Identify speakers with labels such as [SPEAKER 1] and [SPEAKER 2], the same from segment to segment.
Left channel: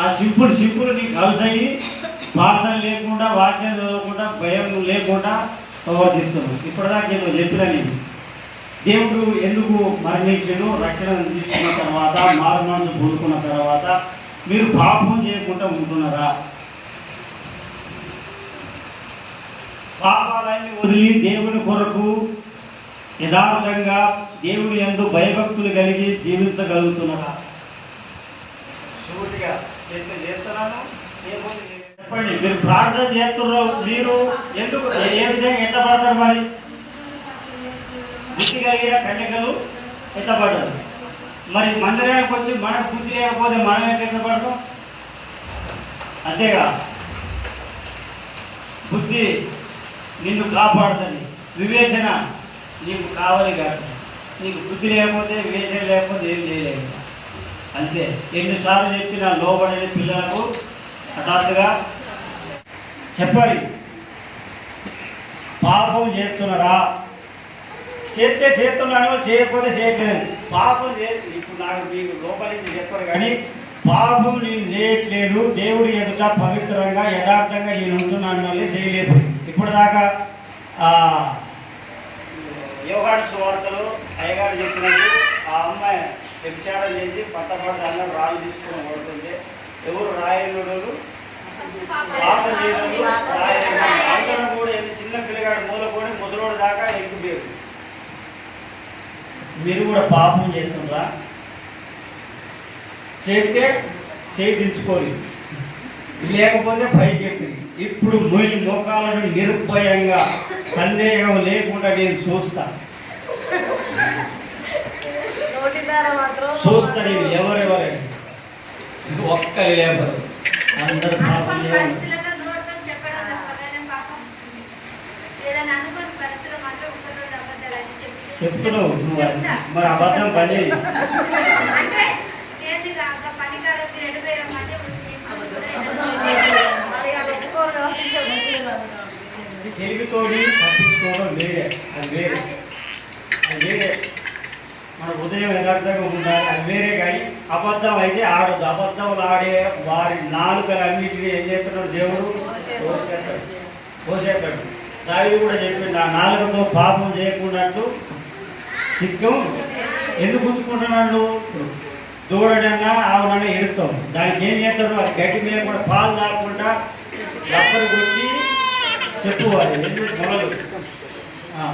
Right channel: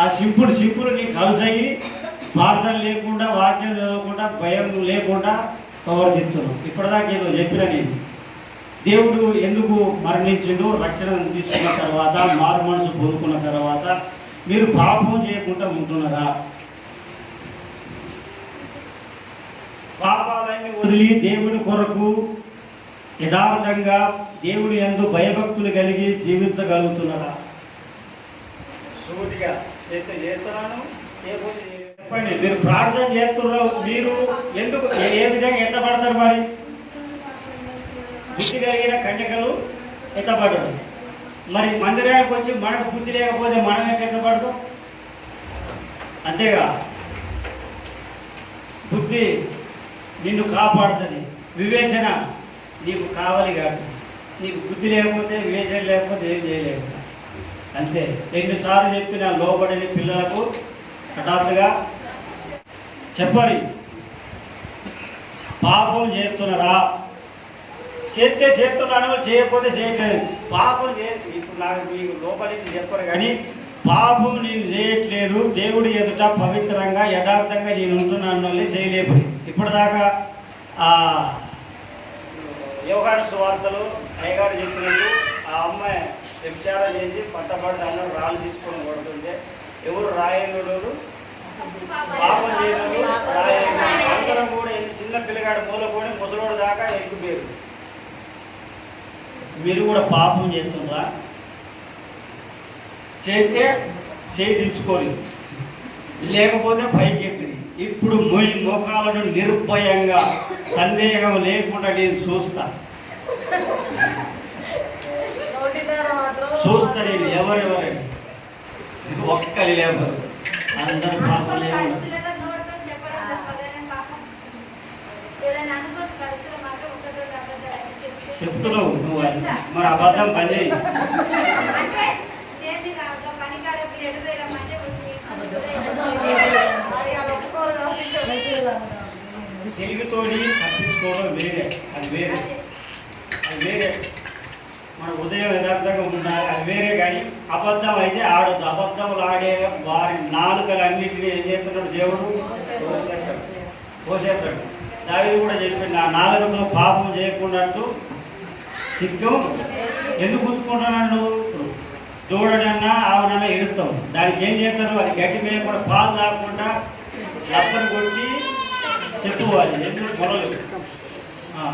[SPEAKER 1] ఆ simple simple నీకు కలిసయ్యి ప్రార్థన లేకుండా వాక్యం చదవకుండా భయం లేకుండా ప్రవర్తిస్తున్నావు. ఇప్పటిదాకా ఏదో చెప్పిన నేను. దేవుడు ఎందుకు మరణించడు రక్షణ తీసుకున్న తర్వాత మారు మనసు కోరుకున్న తర్వాత మీరు పాపం చేయకుండా ఉంటున్నారా? పాపాలన్నీ వదిలి దేవుని కొరకు యథార్థంగా దేవుడు ఎందు భయభక్తులు కలిగి జీవించగలుగుతున్నారా? సూటిగా. చేస్తే చేస్తున్నాను చెప్పండి. మీరు ప్రార్థన చేస్తున్నారు మీరు? ఎందుకు? ఏ విధంగా ఎంత పడతారు మరి? బుద్ధి కలిగిన కన్యకలు ఎత్తపడ్డారు మరి మందిరానికి వచ్చి మనకు బుద్ధి లేకపోతే మనం ఎట్లా పడతాం? అంతేగా? బుద్ధి నిన్ను కాపాడుతుంది. వివేచన నీకు కావాలి కాదు నీకు బుద్ధి లేకపోతే వివేచన లేకపోతే ఏం చేయలేదు అంతే ఎన్నిసార్లు చెప్పిన లోబడని పిల్లలకు హఠాత్తుగా చెప్పాలి పాపం చేస్తున్నారా? చేస్తే చేస్తున్నాను చేయకపోతే చేయట్లేదు. పాపం చే ఇప్పుడు నాకు మీకు లోపలికి చెప్పరు కానీ పాపం నేను చేయట్లేదు. దేవుడి ఎదుట పవిత్రంగా యథార్థంగా నేను ఉంటున్నాను మళ్ళీ చేయలేదు ఇప్పటిదాకా దాకా యోగాడు సువార్తలు అయ్యగారు చెప్పినట్టు ఆ అమ్మాయి వ్యభిచారం చేసి పట్టపడ్డ రాళ్ళు తీసుకొని కొడుతుంటే ఎవరు రాయనుడు? పాపం చేయడు రాయలేదు అందరం కూడా ఏంది? చిన్న పిల్లగాడు మూలకొని ముసలోడు దాకా ఎక్కుపోయారు మీరు కూడా పాపం చేస్తుందా చేస్తే చేయించుకోరు లేకపోతే పైకి ఎక్కింది ఇప్పుడు మీ లోకాలను నిరుపయంగా సందేహం లేకుండా నేను చూస్తాను చూస్తా నేను ఎవరెవరని ఒక్కరి లేబరు. అందరూ చెప్తున్నావు నువ్వు. మరి అబద్ధం పని తెలివితోడి తప్పించుకోవడం వేరే. అది వేరే. అది వేరే. మన ఉదయం యథార్థంగా ఉండాలి అది వేరే కానీ అబద్ధం అయితే ఆడద్దు. అబద్ధములు ఆడే వారి నాలుకలన్నిటినీ ఏం చేస్తున్నాడు దేవుడు కోసేస్తాడు కోసేస్తాడు దావి కూడా చెప్పిండు ఆ నాలుకతో పాపం చేయకుండా చిత్తం ఎందుకు ఉంచుకుంటున్నాడు దూడనన్నా ఆవునన్నా ఎడుతాం దానికి ఏం చేస్తారు? అది గట్టి మీద కూడా పాలు తాగకుండా లప్పని కొట్టి చెప్పుకోవాలి. ఎందుకు? మొదలు ఆ,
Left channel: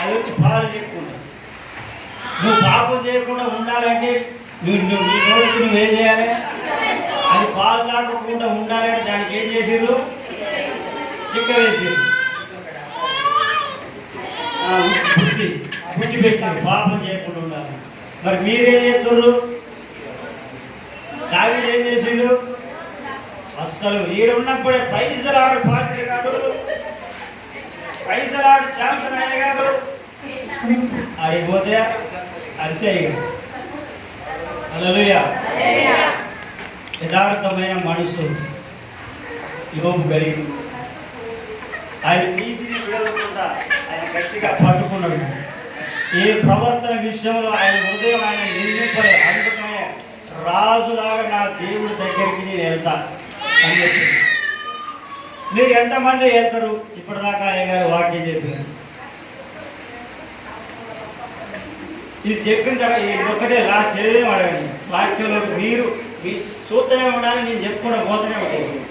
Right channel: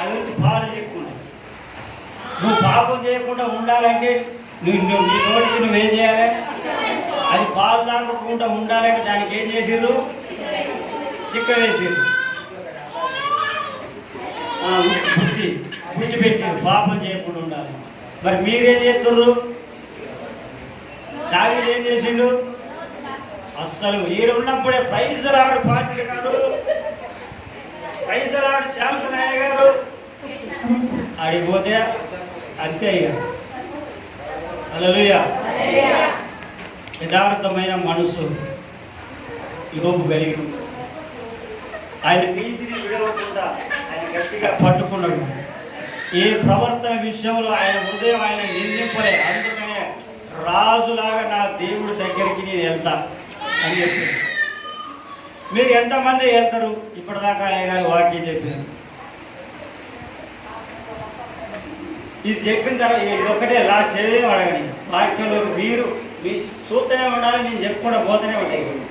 [SPEAKER 1] అది వచ్చి పాలు చెప్పుకున్నావు నువ్వు పాపం చేయకుండా ఉండాలంటే నువ్వు నువ్వు నీ నువ్వు ఏం చేయాలి? అది పాలు తాగకుండా ఉండాలంటే దానికి ఏం చేసారు చిక్క వేసారు బుద్ధి. బుద్ధి పెట్టారు పాపం చేయకుండా ఉండాలి. మరి మీరేం చేస్తారు దావీదు ఏం చేసిండు? అస్సలు ఈడు ఉన్నప్పుడే పైసలు ఆవిడ పార్టీ గారు పైసలు ఆవిడ శాంతన్ అయ్య గారు ఆడిపోతే అంతే ఇక. యథార్థమైన మనసు. యోగు కలిగి ఆయన నీతిని విడవకుండా ఆయన గట్టిగా పట్టుకున్నాడు. ఏ ప్రవర్తన విషయంలో ఆయన హృదయం ఆయన నిర్మింపలే అందుకనే రాజులాగా నా దేవుడి దగ్గరికి నేను వెళ్తా అని చెప్పింది. మీరు ఎంతమంది వెళ్తారు? ఇప్పటిదాకా ఆయన గారు వాక్యం చెప్పారు. ఇది చెప్పిన తర్వాత ఇది ఒక్కటే లాస్ట్ చేయలేదు అడగండి వాక్యంలో మీరు మీ చూస్తూనే ఉండాలి నేను చెప్పుకుండా పోతూనే ఉంటాను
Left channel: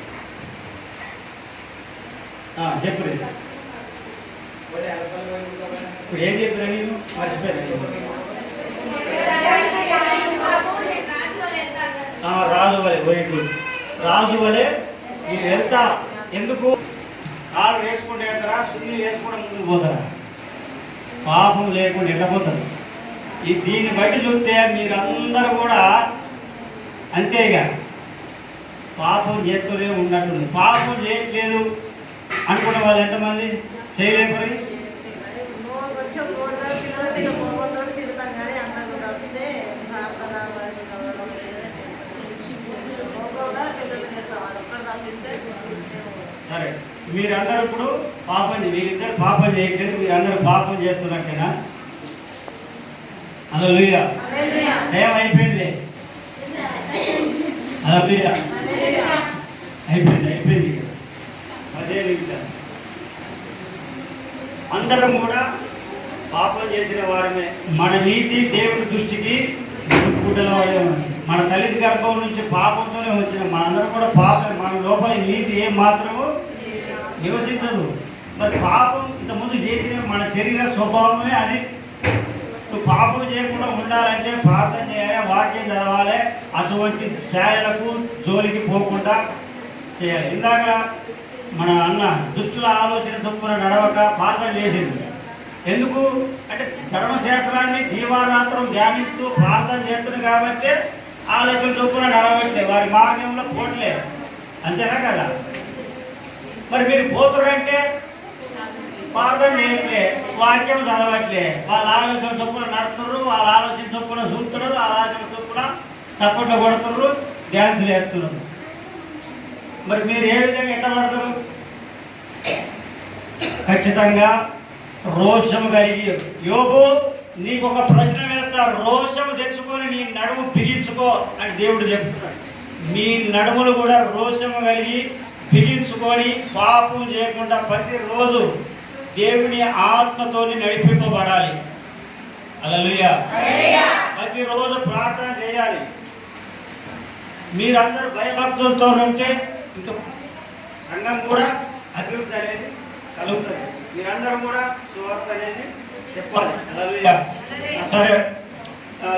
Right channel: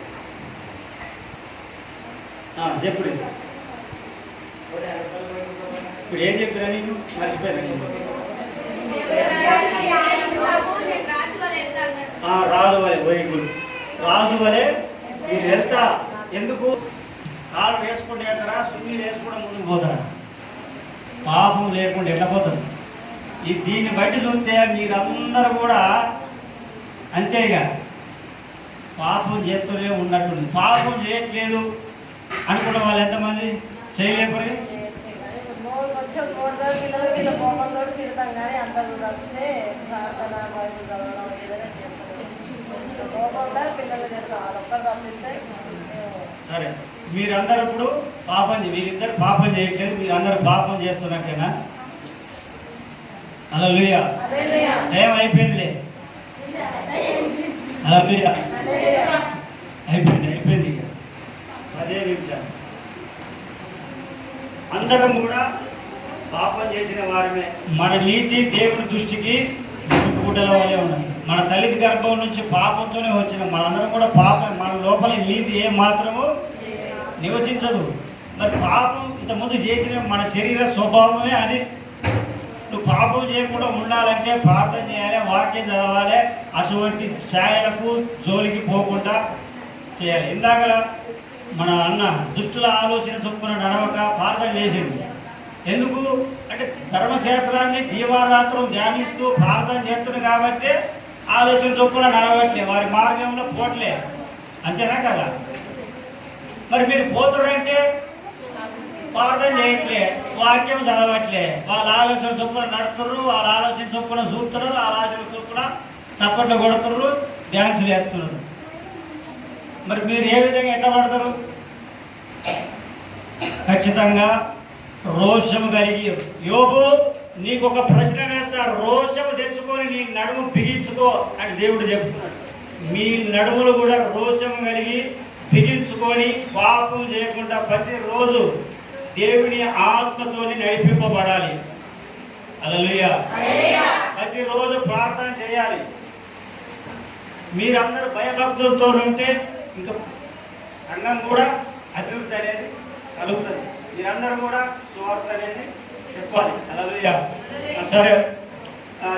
[SPEAKER 1] చెప్పు ఇప్పుడు ఏం చెప్పినా నేను మర్చిపోయాను. రాజు వలే వెరీ గుడ్ రాజు వలె మీరు వెళ్తా. ఎందుకు? కాలు వేసుకుంటే వెళ్తారా సున్ని వేసుకోవడం ముందుకు పోతారా? పాపం లేకుండా వెళ్ళిపోతారు ఈ దీన్ని బయట చూస్తే మీరందరూ కూడా అంతేగా పాపం చేస్తూనే ఉన్నట్టుంది. పాపం చేయట్లేదు అనుకున్న వాళ్ళు ఎంతమంది? చేయలేపరి సరే మీరందరూ ఇప్పుడు పాపం మీరిద్దరు పాపం చేయట్లేదు మీరందరూ పాపం చేస్తున్నట్టుగా జయం అయిపోయింది. అయిపోయింది అందరం కూడా పాపం చేసిన వారమే. మన నీతి దేవుని దృష్టికి ఉన్నది మన తల్లి గర్భం నుంచి పాపంతోనే వచ్చిన మనందరం కూడా పాపం మన లోపల నీతి ఏ మాత్రము నివసించదు. మరి పాపం ఇంతకుముందు చేసిన మన శరీర స్వభావమే అది. పాపం చేయకుండా ఉండాలంటే ప్రార్థన చేయాలి వాక్యం చదవాలి అటువంటి ఛాయలకు జోలికి పోకుండా చేయాలి. ఇందాక మన అన్న దుష్టుల ఆలోచన చొప్పున నడవక ప్రార్థన చేసింది ఎందుకు? అంటే ధర్మశాస్త్రాన్ని దీవారాత్రం ధ్యానిస్తూ ప్రార్థన చేస్తుంది కాబట్టి ఆలోచన చొప్పున నడవట్లే వారి మార్గంలో పోట్లే. అంతేనా కదా? మరి మీరు పోతురంటే ప్రార్థన చేయట్లే వాక్యం చదవట్లే. వాళ్ళ ఆలోచన చొప్పున నడుతున్నారు వాళ్ళ ఆలోచన చొప్పున చూస్తున్నారు వాళ్ళ ఆలోచన చొప్పున చప్పట్లు కొడుతున్నారు డ్యాన్సులు వేస్తున్నారు. మరి మీరు ఏ విధంగా ఎట్లా పడతారు? ఖచ్చితంగా రోషము కలిగి యోగు నీకు ఒక ప్రశ్న వేస్తారు రోషము తెచ్చుకొని నీ నడుము బిగించుకో అని దేవుడు చెప్తున్నాడు. మీ నడుములు కూడా రోషము కలిగి బిగించుకొని పాపం చేయకుండా ప్రతిరోజు దేవుని ఆత్మతోని నడిపింపబడాలి. అలలుయా ప్రతిరోజు ప్రార్థన చేయాలి. మీరందరూ భయభక్తులతో ఉంటే ఇంకా సంఘం కూడా అభివృద్ధి అనేది కలుగుతుంది. మీరందరూ కూడా సువార్త అనేది చెప్పాలి. అలలుయా సరే.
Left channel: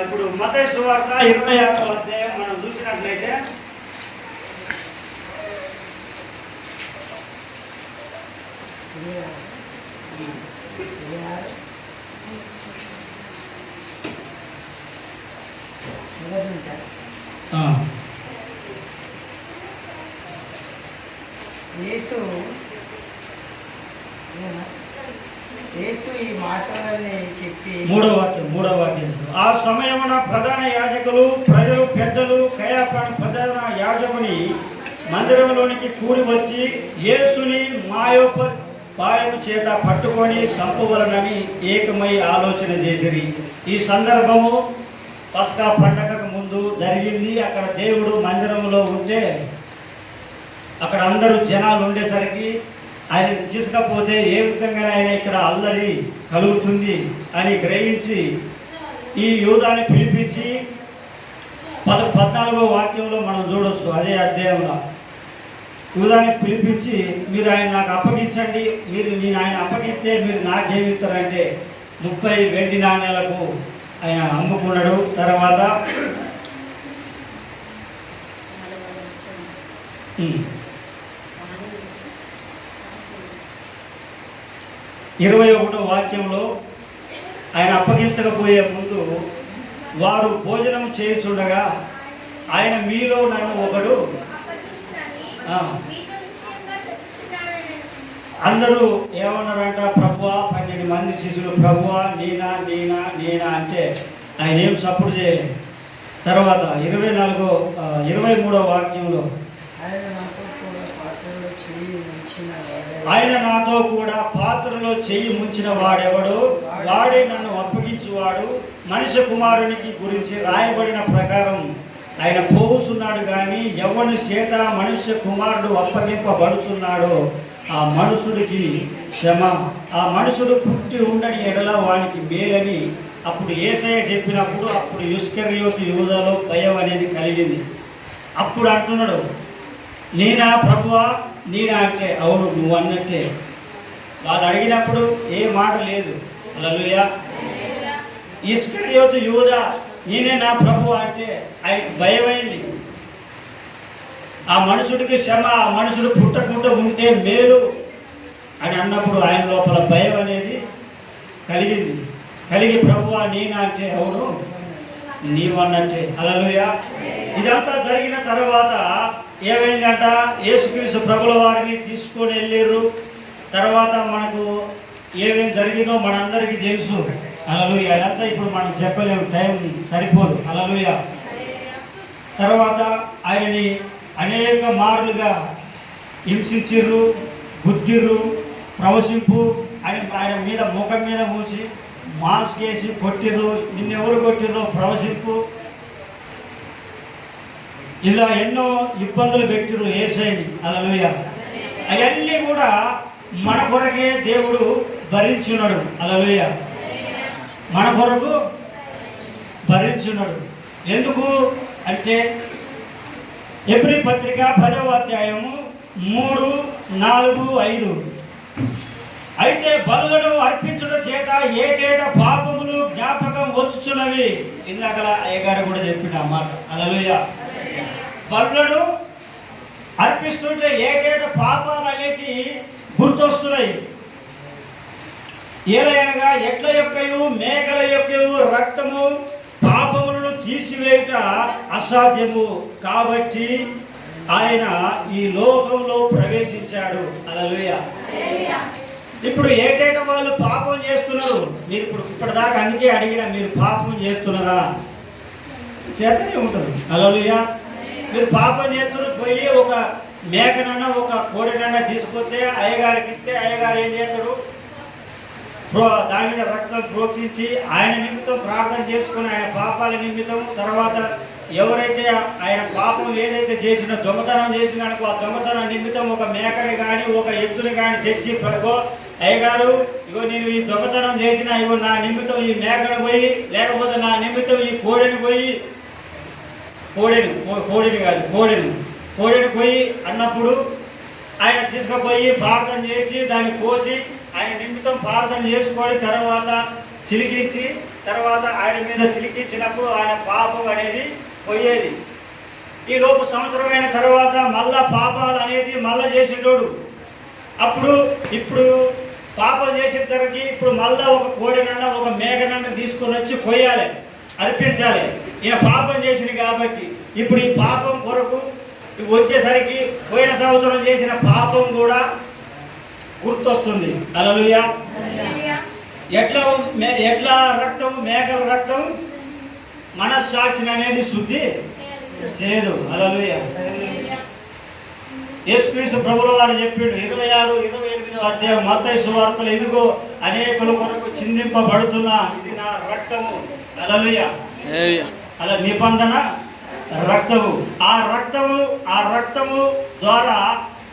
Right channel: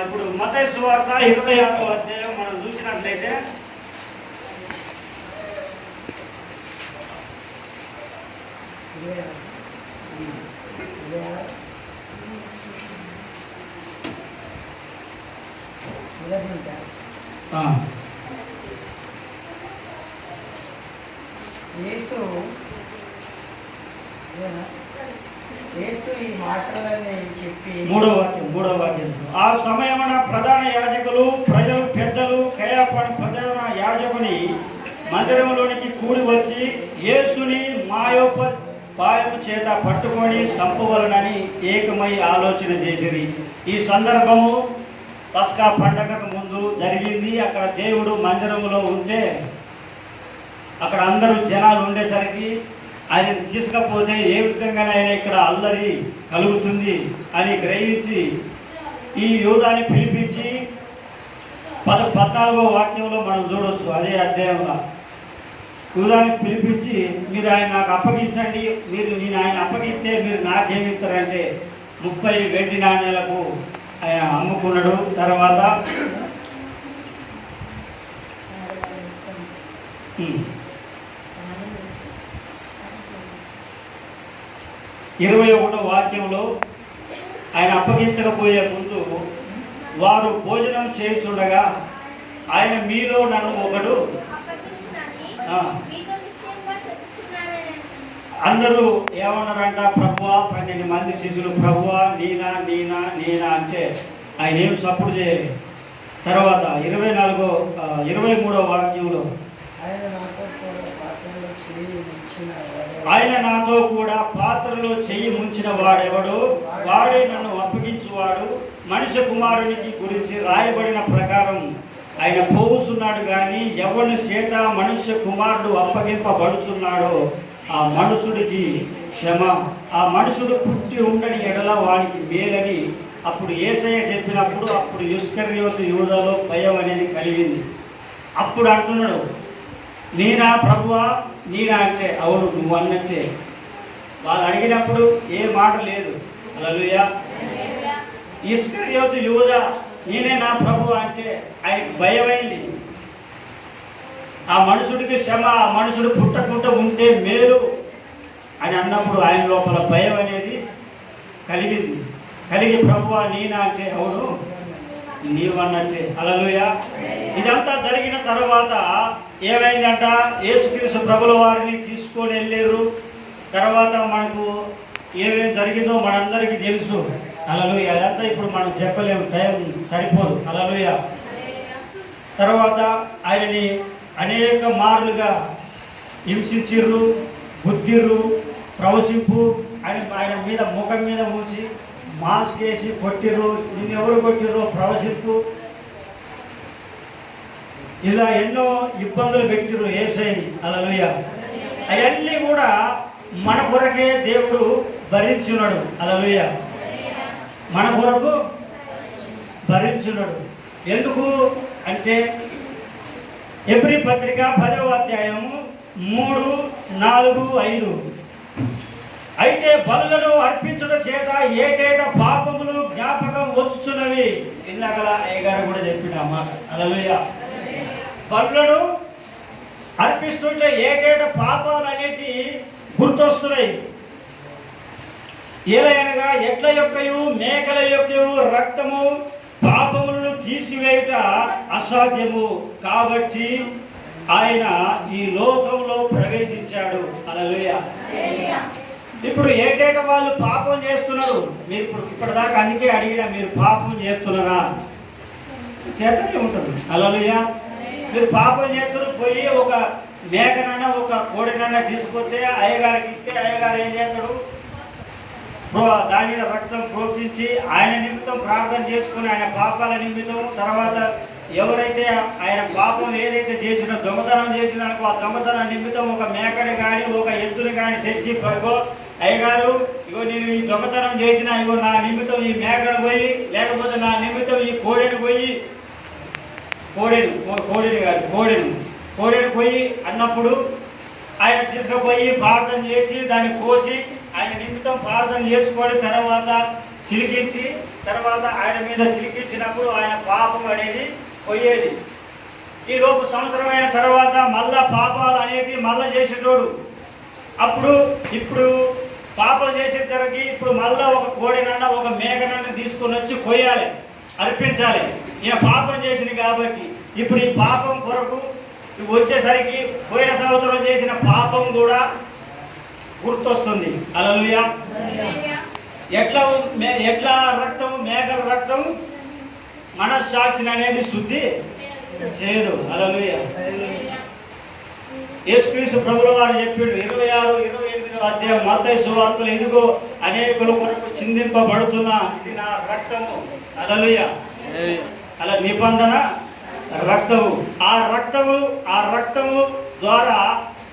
[SPEAKER 1] ఇప్పుడు మత సువార్త ఇరవై ఆరో అధ్యాయం మనం చూసినట్లయితే ఆ,
[SPEAKER 2] యేసు? యేసు ఈ మాటలని చెప్పి
[SPEAKER 1] మూడో వాక్యం మూడో వాక్యం ఆ సమయమున ప్రధాన యాజకులు ప్రజలు పెద్దలు కైలప ప్రధాన యాజకుని మందిరంలోనికి కూడి వచ్చి యేసుని మాయోప పాయము చేత పట్టుకొని సంపవలనని ఏకమై ఆలోచన చేసిరి. ఈ సందర్భము పస్కా పండగకు ముందు జరిగింది. అక్కడ దేవుడు మందిరంలో ఉంటే అక్కడ అందరూ జనాలు ఉండేసరికి ఆయన తీసుకపోతే ఏ విధంగానైనా ఇక్కడ అల్లరి కలుగుతుంది అని గ్రహించి ఈ యూదాన్ని పిలిపించి పద పద్నాలుగో వాక్యంలో మనం చూడవచ్చు అదే అధ్యాయంలో. యూదాన్ని పిలిపించి మీరు ఆయన నాకు అప్పగించండి మీరు నేను ఆయన అప్పగిస్తే మీరు నాకేమిస్తారంటే ముప్పై వెండి నాణ్యాలకు ఆయన అమ్ముకున్నాడు. తర్వాత ఇరవై ఒకటో వాక్యంలో ఆయన అప్పగించకపోయే ముందు వారు భోజనం చేయుచుండగా ఆయన మీలో నన్ను ఒకడు
[SPEAKER 3] అప్పగించునని
[SPEAKER 1] ఆ.
[SPEAKER 3] మీతో నిశ్చయంగా చెప్పుచున్నాడని
[SPEAKER 1] అందరూ ఏమన్నారంట ప్రభు పన్నెండు మంది శిష్యులు ప్రభు నేనా నేనా నేనా అంటే ఆయన ఏం సపోర్ట్ చేయలేదు. తర్వాత ఇరవై నాలుగో ఇరవై మూడో వాక్యంలో
[SPEAKER 2] ఆయన నాతో కూడా పాత్రలో చేయి
[SPEAKER 1] ఆయన నాతో కూడా పాత్రలో చెయ్యి ముంచిన వాడెవడు? వాడే నన్ను అప్పగించువాడు. మనిషి కుమారునికి గురించి రాయబడిన ప్రకారం ఆయన పోవుచున్నాడు కానీ ఎవరి చేత మనుష్య కుమారుడు అప్పగింపబడుతున్నాడో ఆ మనుషుడికి క్షమ. ఆ మనుషుడు పుట్టి ఉండని ఎడల వానికి మేలని. అప్పుడు ఏసయ్య చెప్పినప్పుడు అప్పుడు ఇస్కరియోతు యూదలో భయం అనేది కలిగింది. అప్పుడు అంటున్నాడు నేనా ప్రభువా? నేనా అంటే అవును నువ్వు అన్నట్టే వాళ్ళు అడిగినప్పుడు ఏ మాట లేదు. అలలుయా ఇస్కరియోతు యూద నేనే నా ప్రభు అంటే ఆయనకు భయమైంది. ఆ మనుషుడికి శ్రమ ఆ మనుషుడు పుట్టకుండా ఉంటే మేలు అని అన్నప్పుడు ఆయన లోపల భయం అనేది కలిగింది. కలిగి ప్రభువా నేనా అంటే అవును నీవన్నట్టే అలలుయ ఇదంతా జరిగిన తర్వాత ఏమైందంట? యేసుక్రీస్తు ప్రభుల వారిని తీసుకొని వెళ్ళారు తర్వాత మనకు ఏమేమి జరిగిందో మనందరికీ తెలుసు. అలలోయ అదంతా ఇప్పుడు మనం చెప్పలేము. టైం సరిపోదు. అలలోయ తర్వాత ఆయనని అనేక మార్లుగా హింసించిర్రు గుద్దిర్రు ప్రవశింపు. ఆయన ఆయన మీద ముఖం మీద మూసి మాస్క్ వేసి కొట్టిర్రు. నిన్నెవరు కొట్టిర్రు ప్రవశింపు. ఇలా ఎన్నో ఇబ్బందులు పెట్టిరు ఏసైని. అలలోయ అవన్నీ కూడా మన కొరకే దేవుడు భరించున్నాడు. అలలోయ మన కొరకు భరించున్నాడు ఎందుకు అంటే ఎబ్రి పత్రిక పదవ అధ్యాయము మూడు నాలుగు ఐదు. అయితే బలులను అర్పించడం చేత ఏటేట పాపములు జ్ఞాపకం వచ్చుచున్నవి. ఇందాకల అయ్యగారు కూడా చెప్పిన మాట. అలవయ బలులను అర్పిస్తుంటే ఏటేట పాపాలు అనేటి గుర్తొస్తున్నాయి. ఏలయనగా ఎడ్ల యొక్కయు మేకల యొక్కయు రక్తము పాపములను తీసివేయుట అసాధ్యము. కాబట్టి ఆయన ఈ లోకంలో ప్రవేశించాడు. అలవేయ ఇప్పుడు ఏటేట వాళ్ళు పాపం చేస్తున్నారు? మీరు ఇప్పుడు ఇప్పటిదాకా అందుకే అడిగిన మీరు పాపం చేస్తున్నారా? చేతనే ఉంటుంది. అలలుయ మీరు పాపం చేస్తున్నారు పోయి ఒక మేకనన్నా ఒక కోడినన్నా తీసుకొస్తే అయ్యగారికి ఇస్తే అయ్యగారు ఏం చేస్తాడు? దాని మీద రక్తం ప్రోక్షించి ఆయన నిమిత్తం ప్రార్థన చేసుకుని ఆయన పాపాల నిమిత్తం తర్వాత ఎవరైతే ఆయన పాపం ఏదైతే చేసినా దొంగతనం చేసినాకో ఆ దొంగతనం నిమిత్తం ఒక మేకని కానీ ఒక ఎద్దుని కానీ తెచ్చి ఇగో అయ్యగారు ఇగో నేను ఈ దొంగతనం చేసిన ఇగో నా నిమిత్తం ఈ మేకను పోయి లేకపోతే నా నిమిత్తం ఈ కోడెని పోయి కోడెను కోడెని కాదు కోడెను కోడెను పోయి అన్నప్పుడు ఆయన తీసుకుపోయి ప్రార్థన చేసి దాన్ని కోసి ఆయన నిమిత్తం ప్రార్థన చేసుకొని తర్వాత చిలికించి తర్వాత ఆయన మీద చిలికించినప్పుడు ఆయన పాపం అనేది పోయేది. ఈ లోపు సంవత్సరం అయిన తర్వాత మళ్ళా పాపాలు అనేది మళ్ళా చేసేటోడు. అప్పుడు ఇప్పుడు పాపం చేసిన తర్వాత ఇప్పుడు మళ్ళా ఒక కోడినన్న ఒక మేఘనన్న తీసుకొని వచ్చి కొయ్యాలి అర్పించాలి. ఈయన పాపం చేసింది కాబట్టి ఇప్పుడు ఈ పాపం కొరకు వచ్చేసరికి పోయిన సంవత్సరం చేసిన పాపం కూడా గుర్తొస్తుంది. అలలుయా ఎట్లా మే- ఎట్లా రక్తం మేకల రక్తం మనస్సాక్షిని అనేది శుద్ధి చేయదు. అలలుయ యేసుక్రీస్తు ప్రభుల వారు చెప్పాడు ఇరవై ఆరు ఇరవై ఎనిమిదో అధ్యాయం మత్తయి సువార్తలు ఇదిగో అనేకుల కొరకు చిందింపబడుతున్న ఇది నా రక్తము. అలలుయ అలా నిబంధన రక్తము. ఆ రక్తము ఆ రక్తము ద్వారా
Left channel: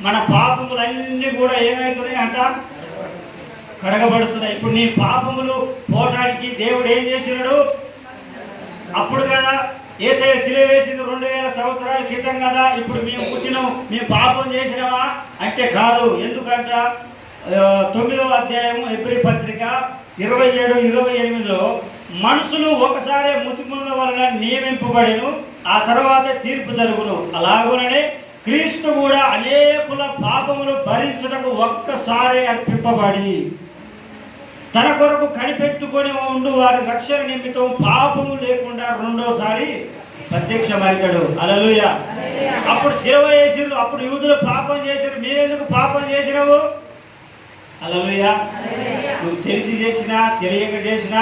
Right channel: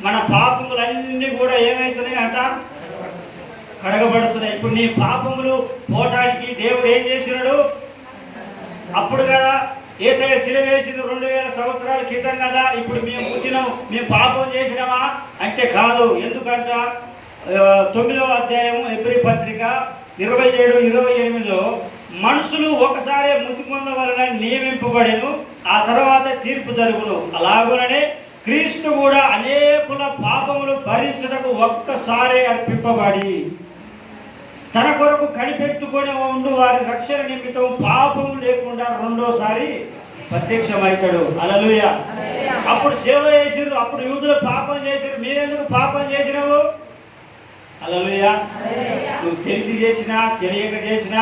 [SPEAKER 1] మన పాపములన్నీ కూడా ఏమవుతున్నాయి అంట? కడగబడుతున్నాయి. ఇప్పుడు నీ పాపములు పోటానికి దేవుడు ఏం చేసినాడు? అప్పుడు కదా ఏసఐ సిలవేసింది రెండు వేల సంవత్సరాల క్రితం కదా. ఇప్పుడు మేము పుట్టినాం. మేము పాపం చేసినామా? అంటే కాదు. ఎందుకంట? తొమ్మిదవ అధ్యాయం ఎబ్రి పత్రిక ఇరవై ఏడు ఇరవై ఎనిమిదిలో మనుషులు ఒకసారి ముతికొండ వలన నియమింపబడిను ఆ తర్వాత తీర్పు జరుగును. అలాగోననే క్రీస్తు కూడా అనేకుల పాపములు భరించుటకు ఒక్కసారి అర్పింపబడి తన కొరకు కనిపెట్టుకొని ఉండు వారి రక్షణ నిమిత్తం పాపము లేకుండా రెండోసారి ప్రత్యక్షమవుతాడు. అలలుయ అప్పుడు శిలవ వేసిరు అప్పుడు యూదులు పాపం చేసిరు మీరెందుకు పాపం చేసినావు? అలలుయ నువ్వు తెలిసి చేసినా తెలియక చేసినా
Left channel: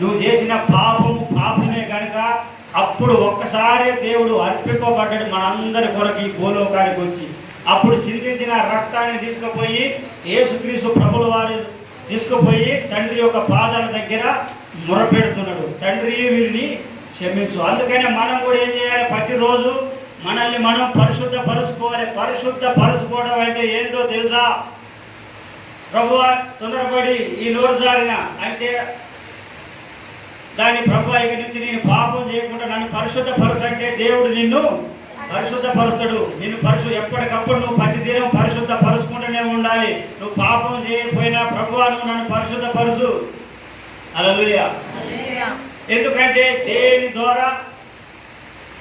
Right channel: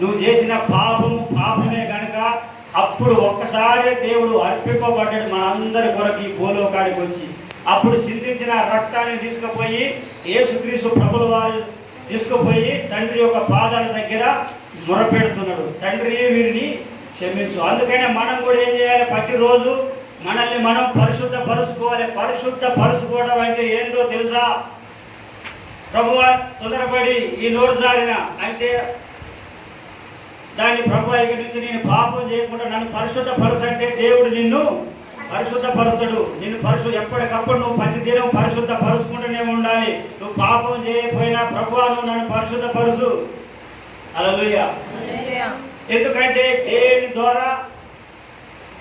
[SPEAKER 1] నువ్వు చేసిన పాపము పాపమే కనుక అప్పుడు ఒక్కసారి దేవుడు అర్పింపబడ్డాడు మనందరి కొరకు ఈ గోలోకానికి వచ్చి. అప్పుడు చిందించిన రక్తాన్ని తీసుకుపోయి ఏసుక్రీసు ప్రభుల వారు తీసుకుపోయి తండ్రి యొక్క పాదాల దగ్గర మొరపెడుతున్నాడు. తండ్రి వీరిని క్షమించు. అందుకనే మనం కూడా ఏం చేయాలి? ప్రతిరోజు మనల్ని మనం పరిశుద్ధ పరుచుకోవాలి పరిశుద్ధ పరుచుకోవడం అంటే ఏంటో తెలుసా? ప్రభువ తొందరపడి ఈ నోరు జారిన. అంటే దాని ప్రభు ఇక నుంచి నేను పాపం చేయకుండా నన్ను పరిశుద్ధ పరుసు అంటే దేవుడు నిన్ను పరిశుద్ధ పరుచడు నిన్ను పరుశు ఎప్పటికప్పుడు నువ్వు ప్రతిదినం పరిశుద్ధ పరుచుకుంటూనే ఉండాలి. నువ్వు పాపం చేయకపోయినా ప్రభు నువ్వు నన్ను పరిశుద్ధ పరుచు అలలుయ ఎందుకంటే దేని ద్వారా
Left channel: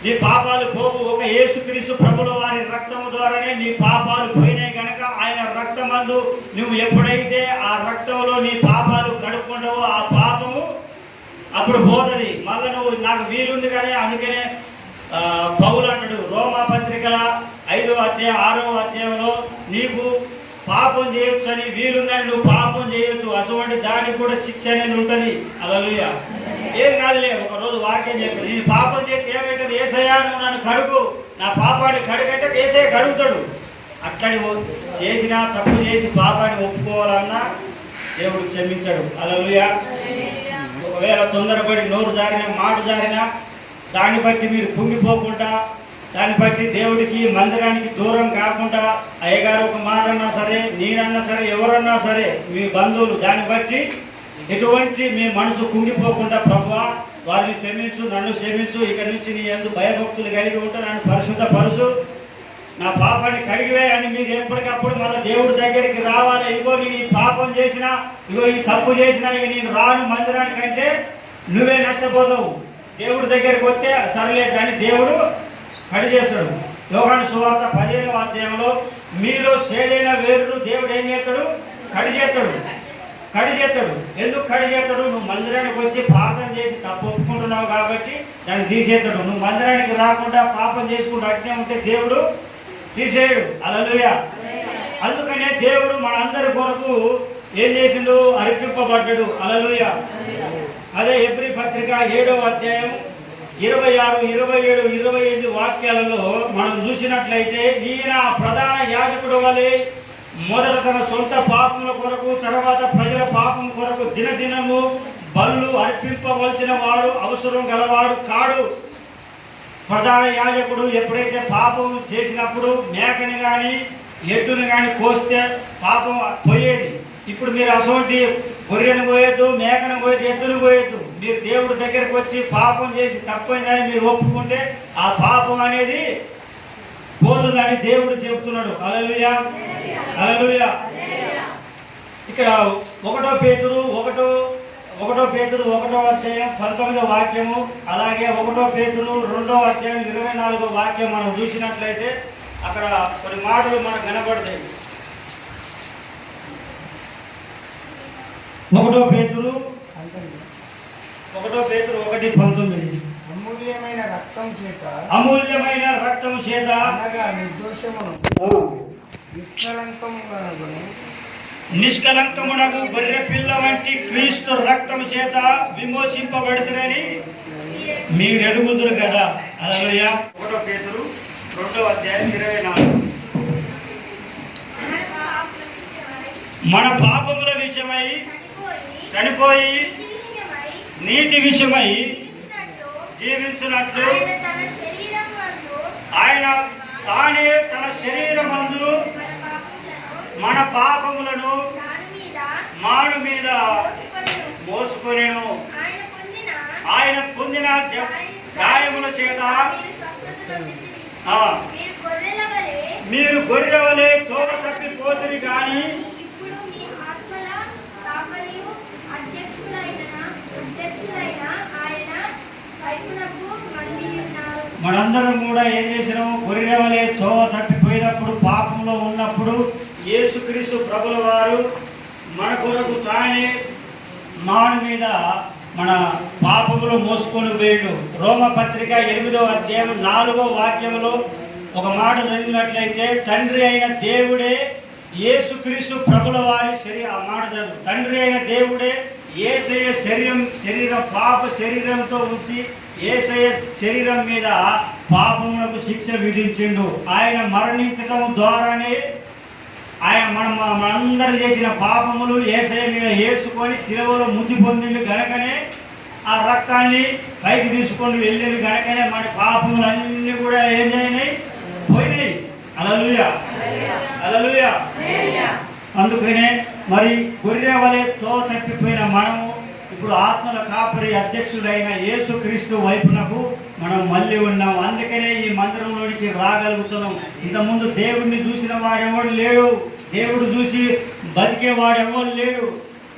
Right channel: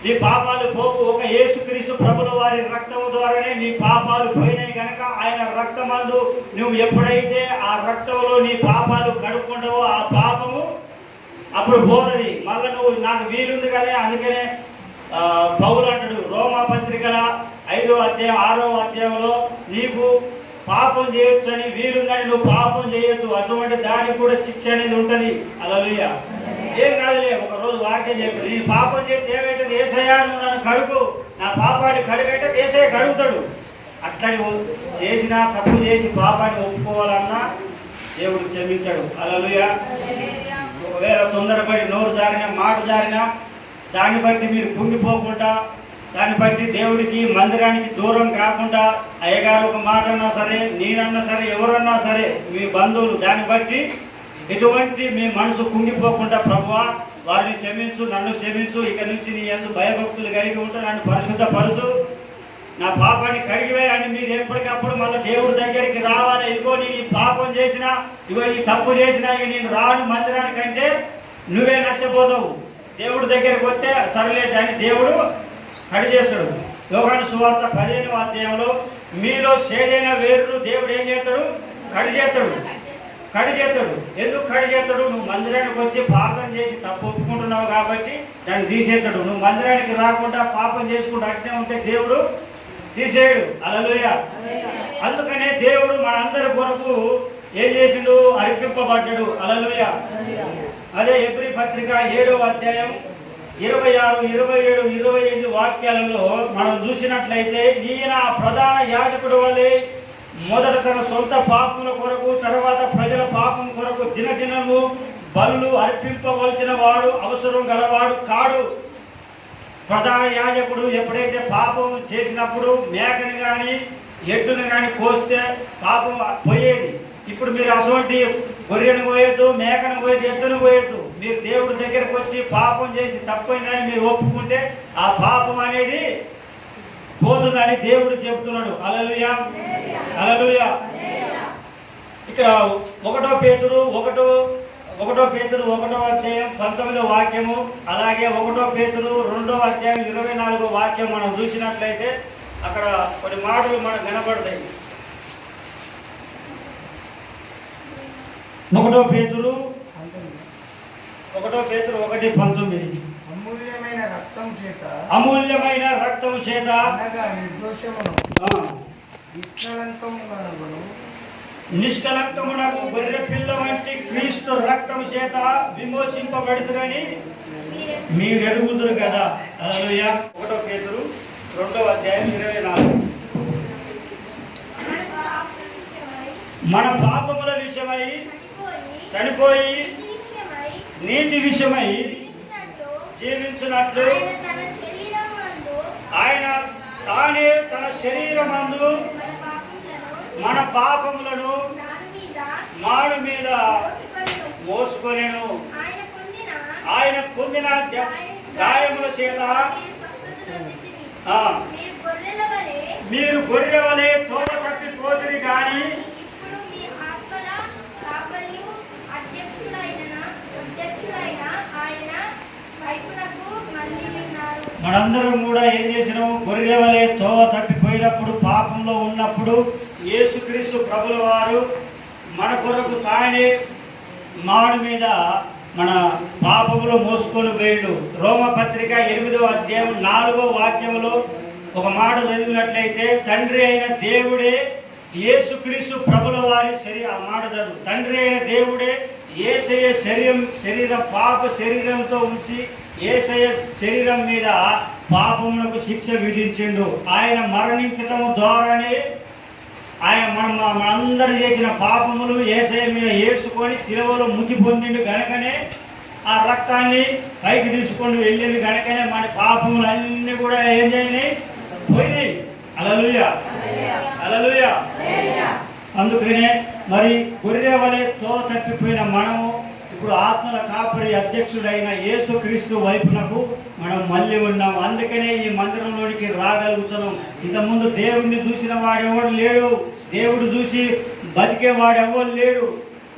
[SPEAKER 1] నీ పాపాలు పోవు? ఒక యేసుక్రీస్తు ప్రభుల వారి రక్తం ద్వారానే నీ పాపాలు పోయినాయి గనక ఆయన రక్తమందు నువ్వు ఎప్పుడైతే ఆ రక్తంలో నీ పాపాలు కడుక్కుంటావో ఆ పాపము అప్పుడు పోతుంది మళ్ళీ నువ్వు నాకు వీలుంది కదా అందుకనే పౌలు అంటాడు రోమా పత్రికల ఐదో అధ్యాయం ఆరో అధ్యాయంలో నీకు పాపం చేయొచ్చని వీలుందని నువ్వు పాపం చేయొద్దు అటువంటి దానికి కూడా శిక్ష అనేది ఉంటుంది. అలలుయ ఏం కాదులే ఒక రోజు వాక్యం చెప్పు. నేను పాపం చేస్తే ఏమైతుంది? ఏసయ్యా నువ్వు నన్ను కడుగు. నా పాపాన్ని కడుగంటే ఏసయ్య కడుగుతాడు. అట్లని చేసినా తప్పు చేసి పాపాన్ని ఒప్పుకోవాలన్నా దేవుడు క్షమించాడు. అలలుయ ఒకవేళ తొందరపడి నోరు జారిన మాట జారినా దాన్ని బట్టి మీరు కుంగిపోకుండా దాన్ని బట్టి దేవుడికి మందిరానికి దూరం కాకుండా అయ్యగారు ఒక మాట అన్నా సరే నేనన్నా సరే ఎవరన్నా సరే మీ బంధువులు దాన్ని బట్టి ఎటువంటి మీ మనసు కుంగిపోకుండా ప్రభు వారిని క్షమించు నన్ను క్షమించు ఇక నుంచి నీ ఎందుకు భయభక్తులు కలిగి ఉంటా నన్ను పరిశుద్ధ పరుసు నా పాపాన్ని కడిగివే అని మీరు ఎప్పటికప్పుడు మళ్ళీ దేవుడి దగ్గరికి రావాలి. ఇదిగో నీ ఈ పాపం చేసినా ఇగో ఈ తప్పు చేసినా ఇక నేను రాను మందిరానికి అంటే నువ్వే నష్టపోతావు. దేవుడి దగ్గరికి వస్తే సరలేదు అని దేవుడు కడి చేస్తాడు. యోగాను సువార్త పదిహేను అధ్యాయంలో మీలో సేదైన వేరును దేవుడు ఏం చేస్తాడు? కడి చేస్తాడు. కడి చేస్తాడు. ఎందుకు కడి చేస్తాడు? నువ్వు మందిరానికి వచ్చి పాపం చేసి తప్పు ఒప్పుకుంటున్నావు కాబట్టి దాన్ని తీసేస్తాడు. నువ్వు మందిరానికి రాకుండా పాపం చేసుకుంటూ అట్నే ఉంటే దేవుడు తీసేయడు అలలుయ అందుకనే దేవుడు మన అందరి కొరకు ఏం చేసిండు? అర్పింపబడ్డాడు. అలలుయ అదే ఎబ్రి పత్రిక ఏడో అధ్యాయం ఇరవై ఆరు ఇరవై ఏడు ఇరవై ఎనిమిది వాక్యాలలో మనం చూసినట్లయితే ఈయన ప్రధాన యాజకుడు వలె మొదట తన సొంత పాపముల కొరకు తర్వాత ప్రజల పాపం కొరకు దినదినము బలు అర్పింపవలసిన వాడు అవసరం గలవాడు కాడు. ప్రధాన యాజకుడు ఎప్పుడైతే పాపం చేసినప్పుడు మేకని కానీ ఎద్దుని కానీ కోస్తే పాపం పోయేది. ఇప్పుడు మీరు అటువంటి గొర్రెను పోయొద్దు మేకను పోయొద్దు ఎద్దును పోయొద్దు మీరు దేవుడి దగ్గరకు వచ్చి పాపం చేసి తప్పైందని మీరు ఒప్పుకుంటే ఆ పాపం అనేది పోతుందని దేవుడు చెబుతున్నాడు. అలలుయ అలలుయ ఇక్కడ ఒకటో పేతురు ఒకటో ఒకటో పేతురు ఒకటో అధ్యాయం పంతొమ్మిదో వాక్యము అలాగే ఒకటో పేతురు రెండో అధ్యాయం ఇరవై నాలుగో వాక్యం మనం చూసినట్లయితే అక్కడ కొన్ని మాటలు మనకు వినపడతాయి ఒకటో పేతురు ఒకటో పేతురు ఒకటి పంతొమ్మిది.
[SPEAKER 2] అమూల్యమైన రక్తం చేత
[SPEAKER 1] అమూల్యమైన రక్తము చేత
[SPEAKER 2] అనగా నిర్దోషమును
[SPEAKER 1] నిష్కలంకమునకు గొర్రె పిల్ల వంటి క్రీస్తు రక్తము చేత విమోచింపబడుతురని మీరు ఎరుగుదురు కదా. అలలుయ ఒకటో పేతురు రెండో అధ్యాయం ఇరవై నాలుగు. మన పాపముల విషయమై చనిపోయి నీటి విషయమై జీవించినట్లు ఆయన తానే తన శరీరమందు మన పాపములను మాడు మీద మోసుకొనెను. ఆయన పొందిన గాయముల చేత మీరు గొర్రెల వలె తోవ తప్పిపోతురి గాని
[SPEAKER 3] ఇప్పుడు మీ ఆత్మల కాపరియు అధ్యక్షులైన అధ్యక్షులైన ఆయన వైపునకు మళ్ళీ ఉన్నారు
[SPEAKER 1] మనందరం కూడా ఏం చేసినాము? గొర్రెల వలె తోవ తప్పిపోయినప్పుడు పాపంలో ఉన్నప్పుడు యేసుక్రీస్తు ప్రభుల వారు మన కొరకు తానే మాడి మీద మన పాపములు మోసుకొని పోయిండు. రోమపత్రిక ఎనిమిదో అధ్యాయం నాలుగో వాక్యంలో ఒక మాట చదివినట్లయితే తండ్రి అయిన దేవుడే యేసుక్రీస్తు ప్రభుల వారి శరీరం ఆ మాట చదువు. తండ్రి అయిన దేవుడే ఏసయ శరీరం శరీరం పాప శరీరంతో ఉంచి ఏసయ శరీరం మీద పాపములకు శిక్ష విధించిండు. ఆయన మరణించడం ద్వారానే ఆయన మనం మనందరం చేసిన పాపములు ఏసయ మీద వేసుకొని శిలవలో ముద్ది పొందిండు గనకనే ఆ రక్తాన్ని పైకి తీసుకొని వెళ్ళిండు గనకనే మన పాపములు అన్ని కూడా ఏం చేయని పోయినాయి. అలలుయ అలలుయ అందుకనే మరి గొర్రె వలె తో తప్పిపోయిన మనము ఇప్పుడు ఆత్మల కాపరి అధ్యక్షుడైన యేసుక్రీస్తు వైపునకు మనం మళ్ళీ ఉన్నాం. అందుకనే ఈ మందిరంలోనికి రాగలుగుతున్నాం. ఇంతకుముందు దేవుడిని చూసిన వాడెవడు లేడు. దేవుడు చూసి బతికేవాడు ఎవడు లేడు.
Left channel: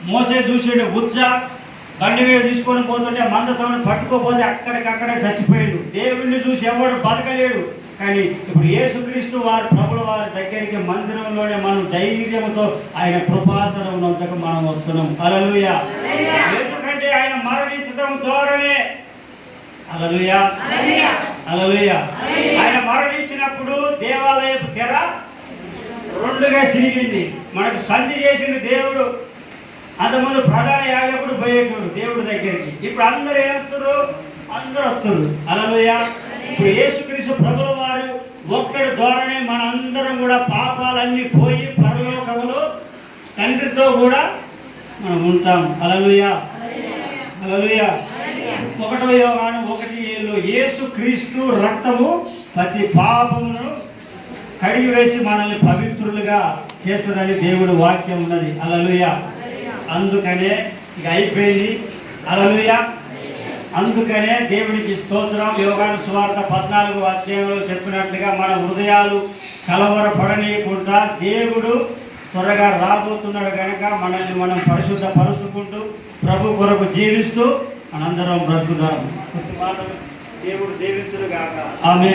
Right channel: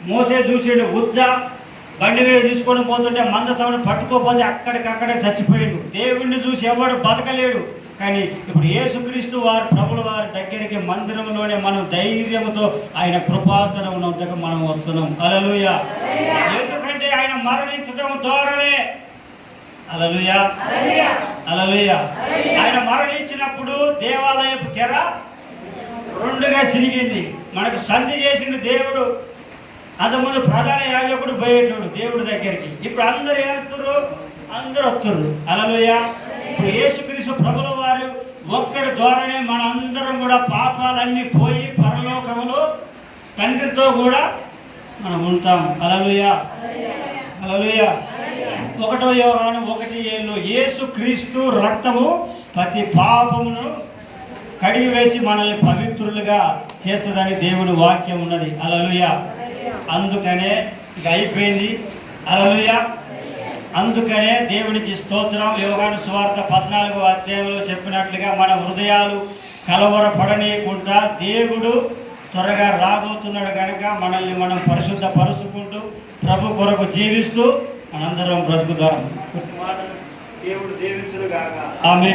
[SPEAKER 1] మోసే చూసాడు ఉజ్జ బండి మీద తీసుకొని పోతుంటే మందసమను పట్టుకోపోతే అక్కడికక్కడే చచ్చిపోయాడు. దేవుడిని చూసి ఎవడు బతకలేడు. కానీ ఇప్పుడు యేసుక్రీస్తు వారు ప్రభుల వారి దగ్గరికి మందిరంలోనే మనం ధైర్యంతో ఆయన కృపాసనం వద్దకు మనం వస్తున్నాం. అలలుయ ఎందుకంటే ఆయన మరణించడం ద్వారానే. అలలుయ అలలుయ ఆయన మరణించినప్పుడు దేవాలయపు తెర రెండుగా సిరిగింది. మనకు సంధి చేసిండు దేవుడు. అంతకుముందు ప్రధాన యాజకుడు పోయేటోడు దేవుడి దగ్గరికి. ఇప్పుడు అందరు ఏమవుతారు అందరూ వస్తున్నారు అలలోయ ఇప్పుడు యేసుక్రీస్తు ప్రభుల వారు ఒక్కడి ద్వారానే మన అందరం కూడా పాపాలన్నీ పోయి పరలోకములో తండ్రితో కూడా మనం ఉంటాం. అలలుయ ఒకటో యోగాను ఒకటి ఏళ్ళు యేసు క్రీస్తు రక్తము ప్రతి పాపమును కడిగి వేసి మనల్ని పవిత్రులుగా చేస్తుందని దేవుడు వాక్యం ఉన్నది. అలలుయ అందుకనే ఇక అయిపోయింది. అలలుయ అందుకనే దేవునికి స్తోత్రం. యోగాను సువార్త పద్నాలుగు అధ్యాయంలో చెప్పినట్లుగా మన హృదయాలు కలవరపడనీయకుండా దేవుడు త్వరగా రాబోతున్నాడు కనుక మనల్ని మనం పరిశుద్ధ పరుచుకుంటూ ప్రభు కొరకు జీవిస్తూ మనందరం బ్రతుకుదాం. దేవుడు దీవించును గాక ఆమె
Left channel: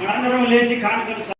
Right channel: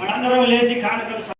[SPEAKER 1] మనందరం లేచి కానుకలు